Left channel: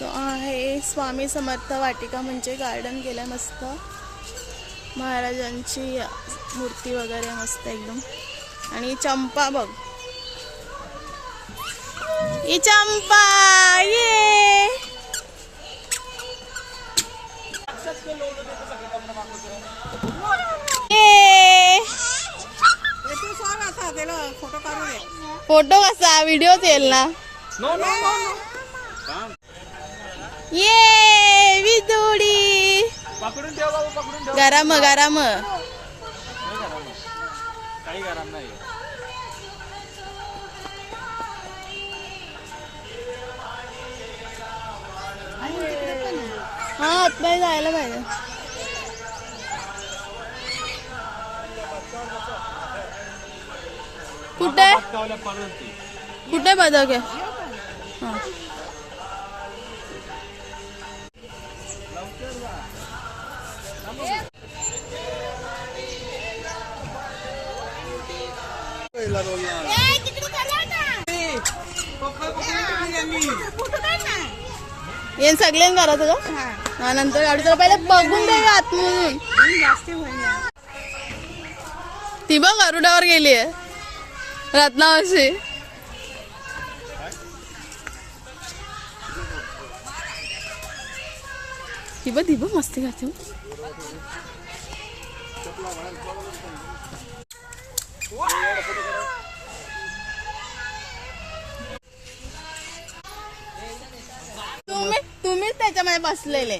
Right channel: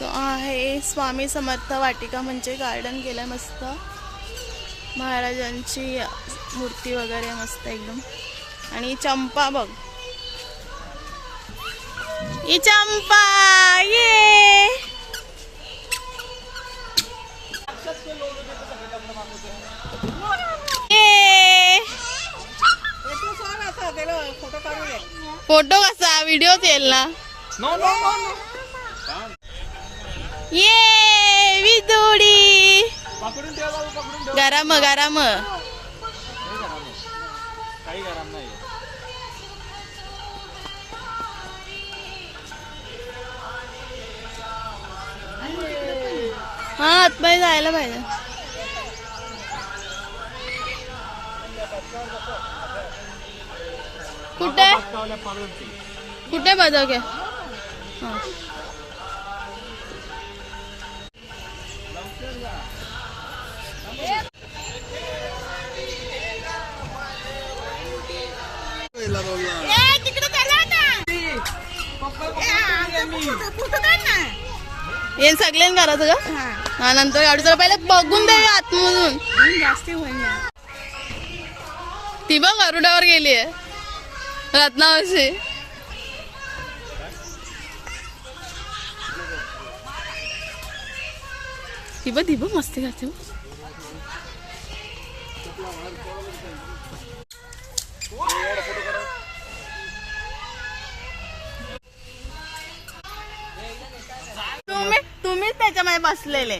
So आहे स्वामी समर्थ वाटिका म्हणजे garden केलं मस्त, महाराजांची मूर्ती वगैरे मस्त एकदम. आणि चंपा बघ, ही चंपा ये फोटो कसा व्हिडिओ येईल ना. ये विदुडी गरम गरम काही गरम नाही. हा आतमध्ये जायला पाहिजे. कुठे कुठे बदक आहे. हा येन सगळ्यां करायचं का. हा नंतर गाडी तर पहिले बघून दे आतमधून. ती बघ गरुडावर गेली आहे रत्नावशी. ती बघ मस्ती करते. तुम्हीच त्याच्यामध्ये बसलेले.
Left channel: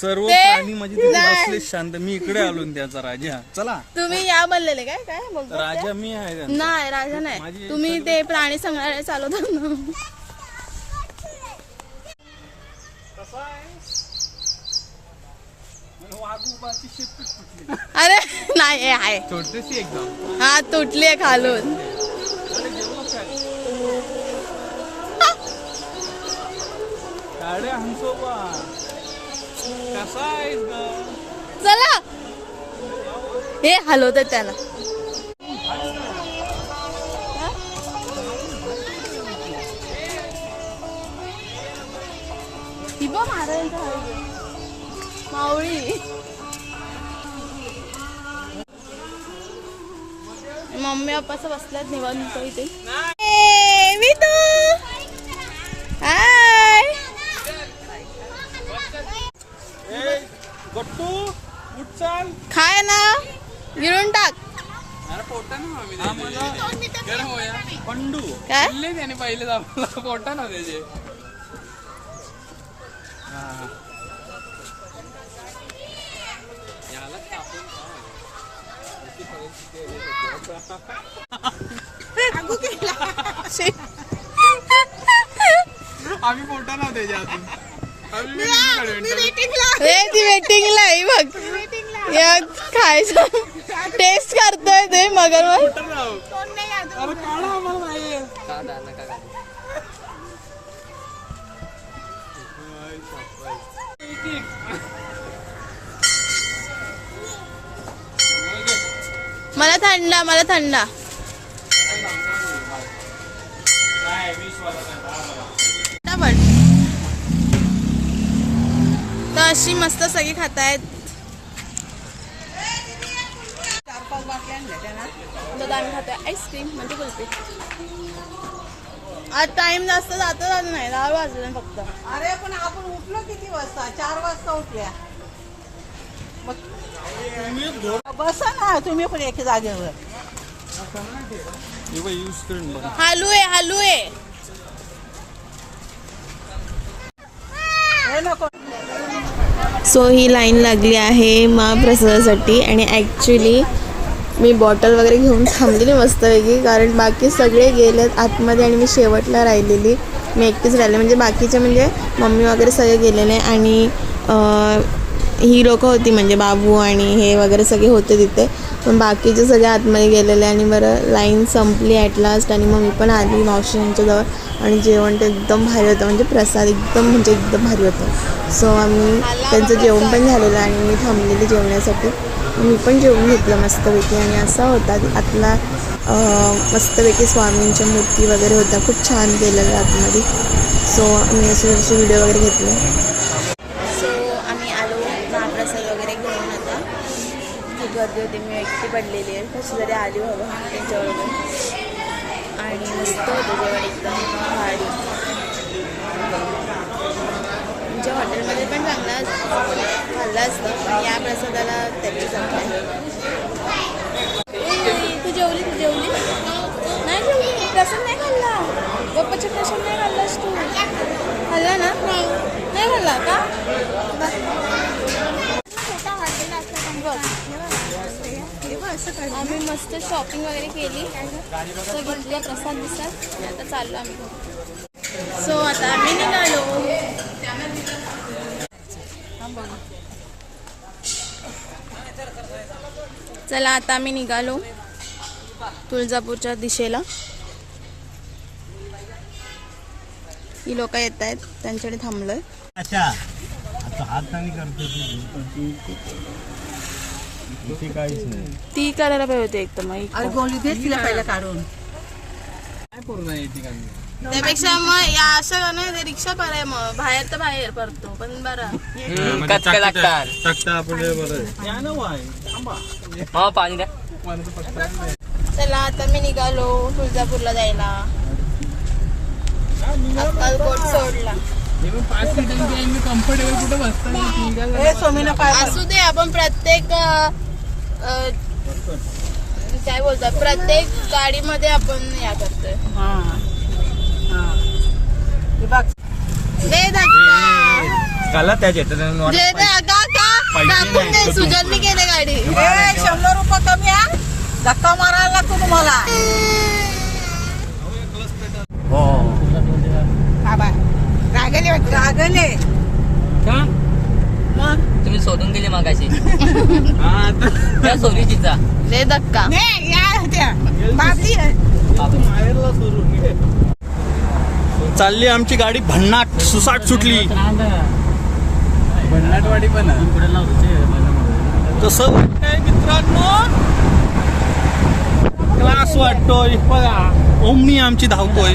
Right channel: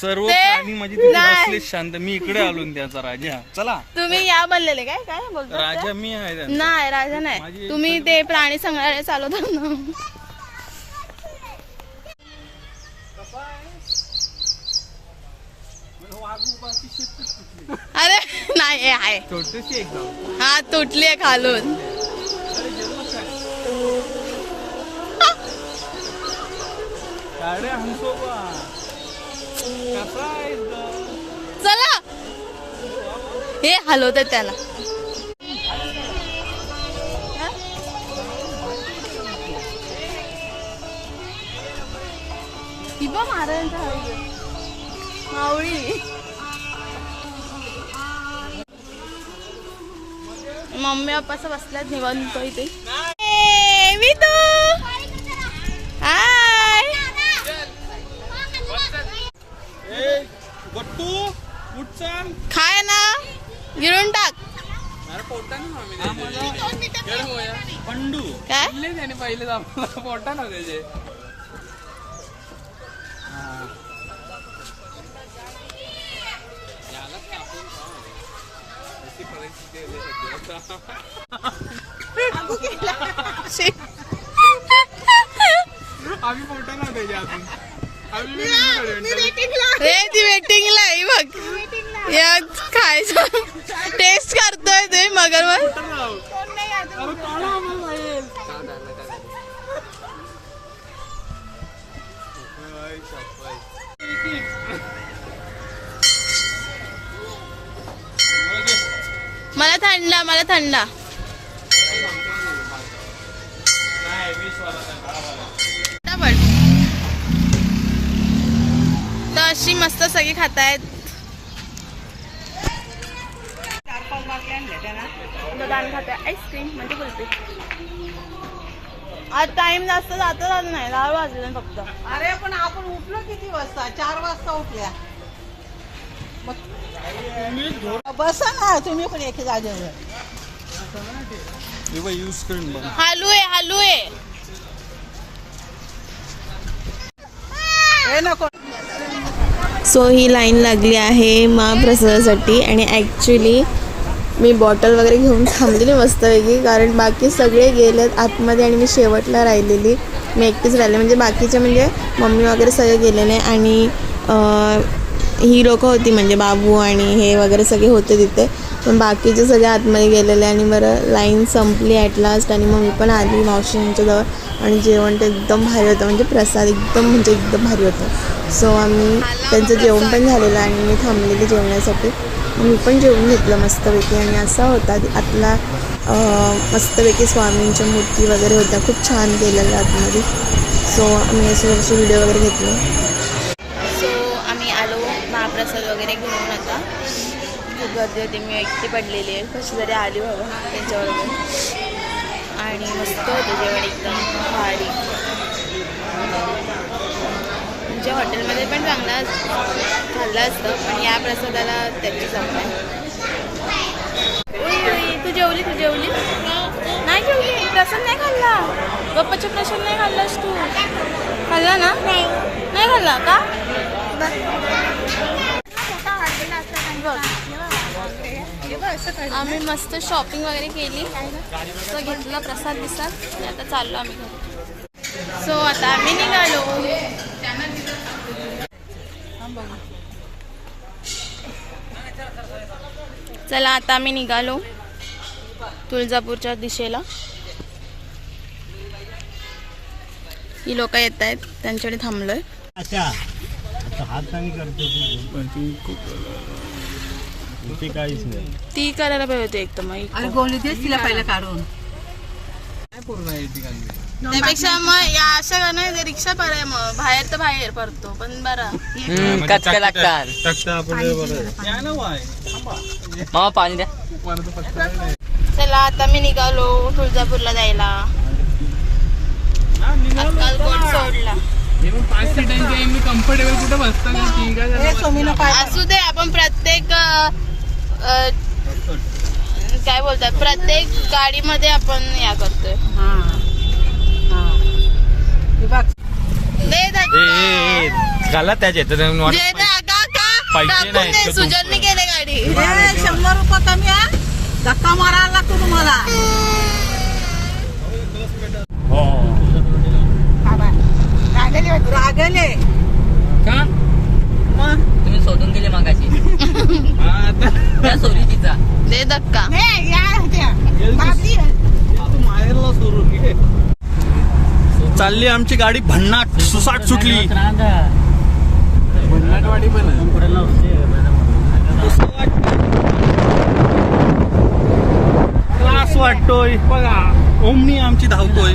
सर्व प्राणी म्हणजे बसले शांत. मी इकडे आलो त्याचा राजा. चला तुम्ही या बनलेले काय काय बोलतो. राजा मी आहे. नाही राजा नाही, तुम्ही ते प्राणी संग्रहालय चालवता ना. अरे नाही आहे छोटीशी एकदम. हा तुटली आहे खालून. चला हे हलवतात त्याला. ही बघ महाराजांचा मावळी. मम्मी पप्पा बसल्यात निवांत इथे. विदू हाय. खाय ना गिळून टाक. पंडू काय त्याने पहिले पोटा ना त्याचे. आम्ही पोटा ना त्याच्या अजून. ती वेटिंगला आहे बघ. या खायचं टेस्ट करतोय ते मगर मला थंडा मला थंडा. तर अशी मस्त सगळी खातायत. दादाने खाताय आईस्क्रीम म्हणजे कुल्फी. आज टाइम जास्त जातो झालं नाही, 10 वाजले फक्त. अरे पण आपण उठलो किती वाजता. 4 वाजता उठल्या. बसा ना तुम्ही पण एका जागेवर. हालू आहे हालू आहे. सो ही लाईन लागली आहे महाप्रसादासाठी. आणि ॲक्च्युली मी बॉटल वगैरे घेऊन थांबलेली मस्तपैकी, कारण बाकी सगळे गेलेत आतमध्ये आणि मी शेवटला राहिलेली. मी एकटीच राहिले, म्हणजे बाकीचे म्हणजे मम्मी वगैरे सगळे गेलेले. आणि ही लोकं होती म्हणजे बाबू आणि हे वगैरे सगळे होते तिथे, पण बाकीचे सगळे आतमध्ये गेलेले. आणि बरं लाईन संपली ॲट लास्ट आणि मग मी पण आली मावशींच्या जवळ. आणि जेवण ते एकदम भारी होतं, म्हणजे प्रसाद एकदम भारी होतं. सो आम्ही त्यांचं जेवण पण झालेलं आणि मी थांबलेली जेवण्यासाठी. मी पण जेवून घेतलं मस्तपैकी. आणि असा होता आतला मस्तपैकी स्वामींच्या मूर्ती वगैरे होत्या, खूप छान केलेल्या आतमध्ये. सो आम्ही असे व्हिडिओ वगैरे घेतले. सो आम्ही आलो महाप्रसाद वगैरे घेऊन. आता खूप गर्दी होती, मी एकटी पडलेली आहे, कशी तरी आली बाबा त्यांच्याबरोबर. आणि मस्त होतं जेवण, एकदम भारी. म्हणजे हॉटेलमध्ये पण चांगला खाल्लं असतं, पण या प्रसादाला त्याची चव आहे. तू जेवली नाही जेवली? प्रसाद नाही खाल्ला? बाप्पाचा प्रसाद नाही खाल्लास तू? खाल्ला ना? नाही खाल्ला का? आम्ही मस्त शॉपिंग वगैरे केली, तो घेतला प्रसाद आणि आता चाललो आम्ही घरी. सो आता आम्ही निघालो. चला आता आम्ही निघालो तुळजापूरच्या दिशेला. ही लोक येत आहेत, त्यांच्याकडे थांबलोय. ती करायला पाहिजे होती एक तर मग गोळी देच तिला पहिलं काढून. त्यापेक्षा मग या अशा नाही रिक्षा पर्याय, मग बाहेर तर बाहेर पडतो पण बरं. पाणी द्या. चला आता मी निघालो तुळजापूरला जायला. अक्कलकोट सोडला. कम्फर्टेबल कुठे बसता? असू दे, आपण प्रत्येक काय बोलतात, प्रत्येक गाडीमध्ये आपण या करतोय. सुजनने केले गाडी. 100 रुपये कमी आहे, धक्का मारायला लागतो तुम्हाला. रागले मग तुम्ही सोडून गेले मागाशी. त्या सोरी तिचा दे धक्का. चालली आमची गाडी भन्नाट सुसाट सुटली. भन्नाटवाडी पण तसं वाटतंय मित्रांनो, क्लास वाटतोय. बघा ओमनी आमची धावतोय.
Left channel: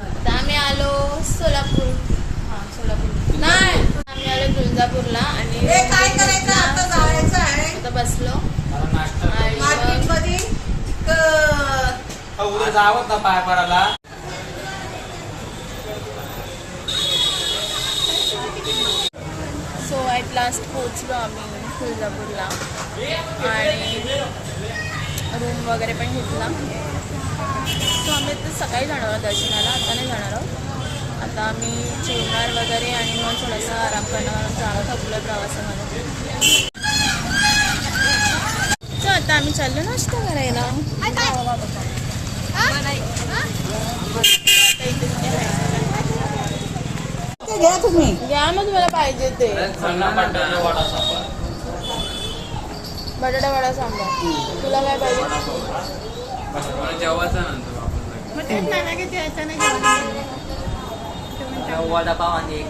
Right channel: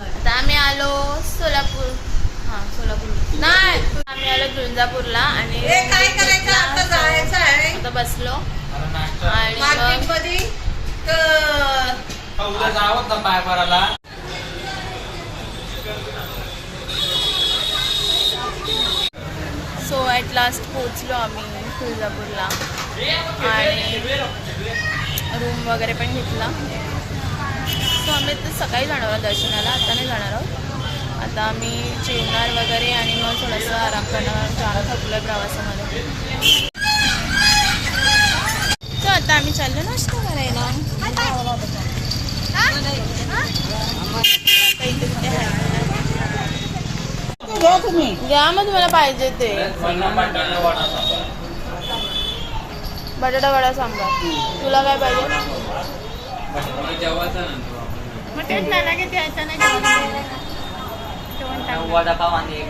आता आम्ही आलो सोलापूर. नाही, आम्ही आलो तुळजापूरला आणि आता बसलो आणि सो ॲट लास्ट पोचलो आम्ही तुळजापूरला आणि रूम वगैरे पण घेतला. सो आम्ही तर सकाळी जाणार आहोत दर्शनाला, आता नाही जाणार आहोत. आता आम्ही जेवणार वगैरे आणि मग थोडंसं आराम करणार, जाम थकलोय प्रवासामध्ये. तर आता आम्ही चाललो नाश्ता करायला. आता इथे तिथे आहे, घ्या तुम्ही. घ्या मग तुम्हाला पाहिजे ते. बटाटा वडा सांबार. तुला काय पाहिजे? वडापाव आणि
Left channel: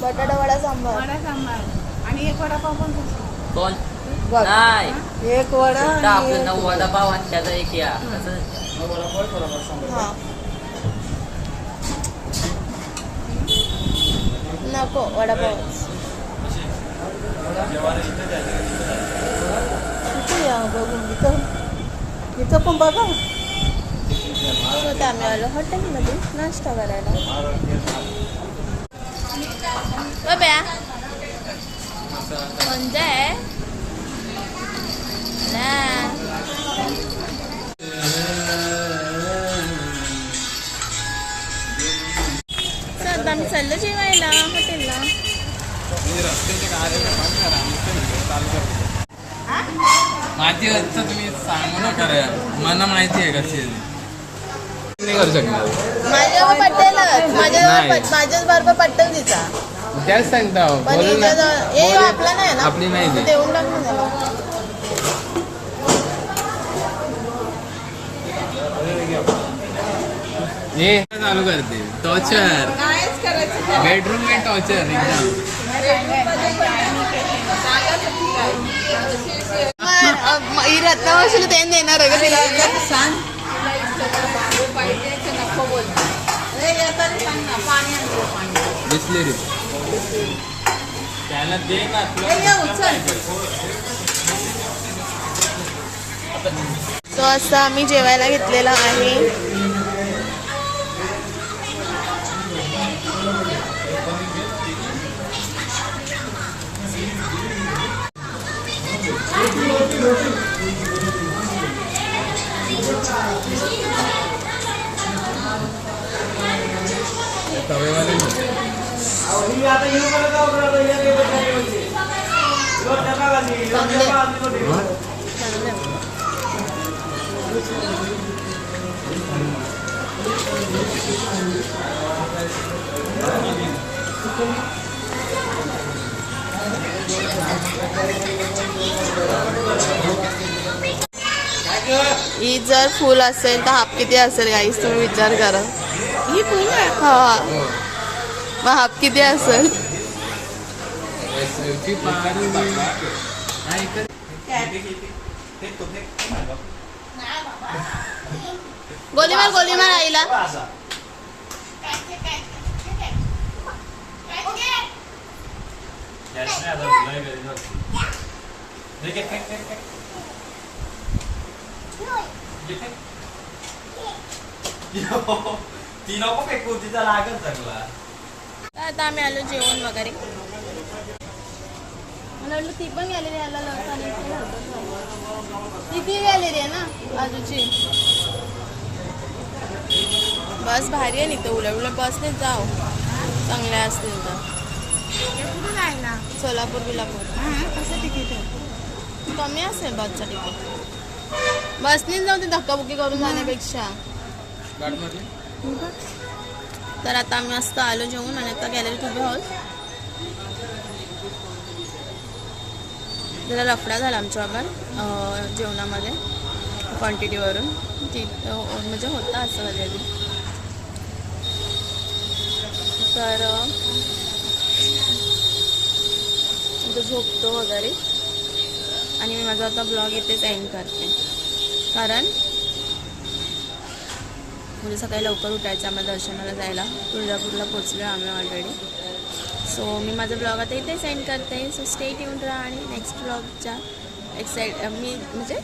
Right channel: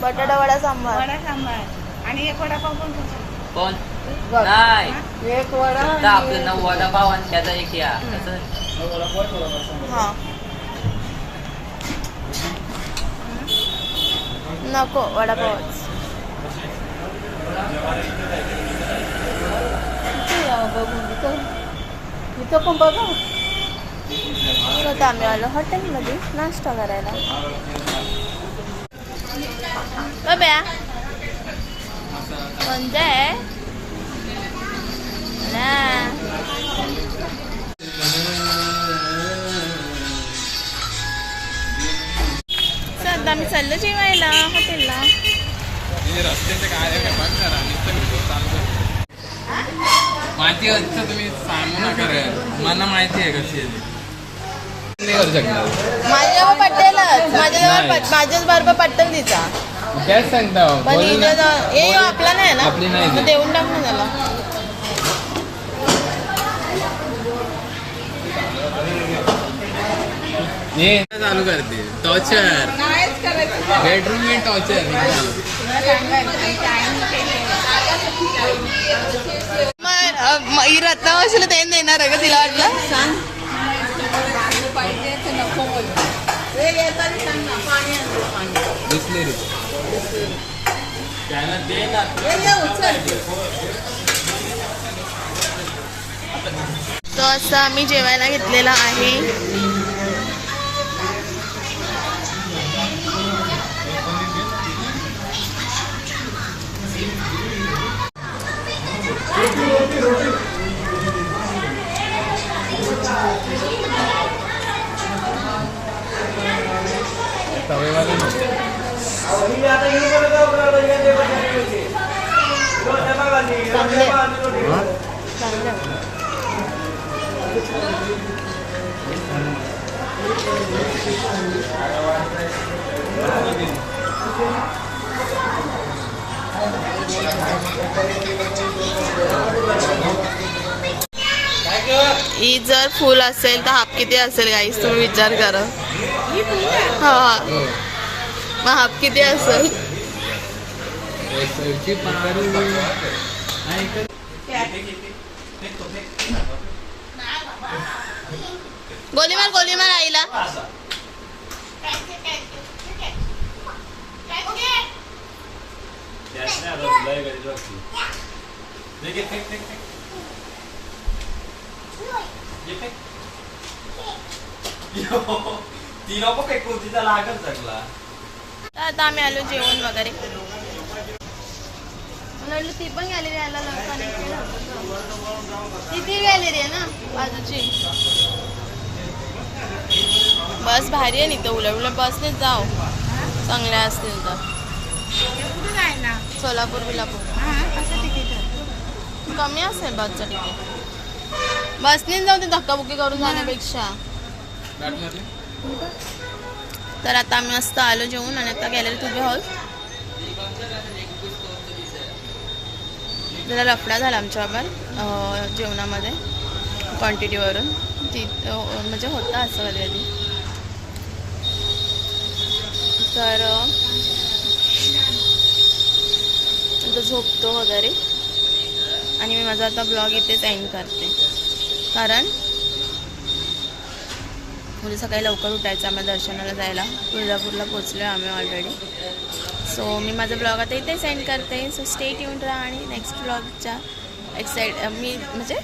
बटाटा वडा सांबार आणि एक वडापाव पण कोण नाही. एक वडा आपलं 9 वडापाव आणि त्याचा एक या. हा नको वडापावच. इथं पण बघा. स्वतः आम्ही आलो हॉटेलमध्ये नाश्ता करायला. बब्या कोणतं आहे ना? सध्या आम्ही चाललो जेवायला हॉटेलला. माहिती असतं तुम्ही सांगू नका रे, मला माहिती आहे कशी आहे. नाही करू शकणार माझ्याजवळ पटेलच, माझ्याच बरोबर पटेल तिचा. त्याच सांगता पण हे आपला नाही ना, आपली नाही ती. देऊन टाक ना त्याला. हे चालू करते टॉर्चर कायच करायचं बेडरूम में टॉर्चर मयूर आता मावशीला ते देणार आहे का तिला आता? बिस्लेरी त्याला दे ना तो असं आम्ही जेवायला घेतलेला आहे. ही जर फुल असेल तर हाफ किती असेल गाईस तुम्ही विचार करा. हा मग हाफ किती असेल? गोली मार आईला. आता आम्ही आलो जेवण वगैरे. मला वाटलं ती पण गॅलरी यायला ती गॅलरी आहे ना बाजूची. बस भारी आहे नाही तर उलट बसनेच जाऊ चांगल्या असतील तर. सोलापूर बिलापूर कमी असेल बसचं तिकीट. बसनेच जाऊ ते धक्काबुक्की करून जाण्यापेक्षा. तर आता आम्ही मस्त आलो जेवून आणि आता गॅलरीत उभे आहोत. जरा लफडा झाला आमच्याबरोबर जेवणामध्ये क्वांटिटीवरून. ती म्हणजे होता असं कधी कधी. तर आता झोपतो वगैरे आणि मी माझा आता ब्लॉग इथेच एंड करते. कारण म्हणजे सकाळी लवकर उठायचं आम्हाला दर्शनाला जायला. तुळजापूरला पोचलो आम्ही ऑलरेडी. सो मी माझा ब्लॉग आता इथेच एंड करते. सो स्टे ट्यून्ड राहा आणि नेक्स्ट ब्लॉगच्या मी म्हणजे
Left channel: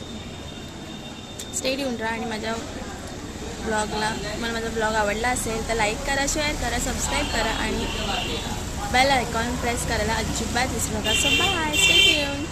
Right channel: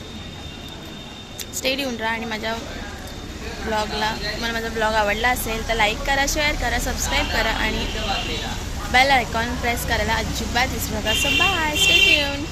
स्टे ट्यून्ड राहा आणि माझ्या ब्लॉगला मला माझा ब्लॉग आवडला असेल तर लाईक करा, शेअर करा, सबस्क्राईब करा आणि बेल आयकॉन प्रेस करायला अजिबात विसरू नका. So bye, stay tuned.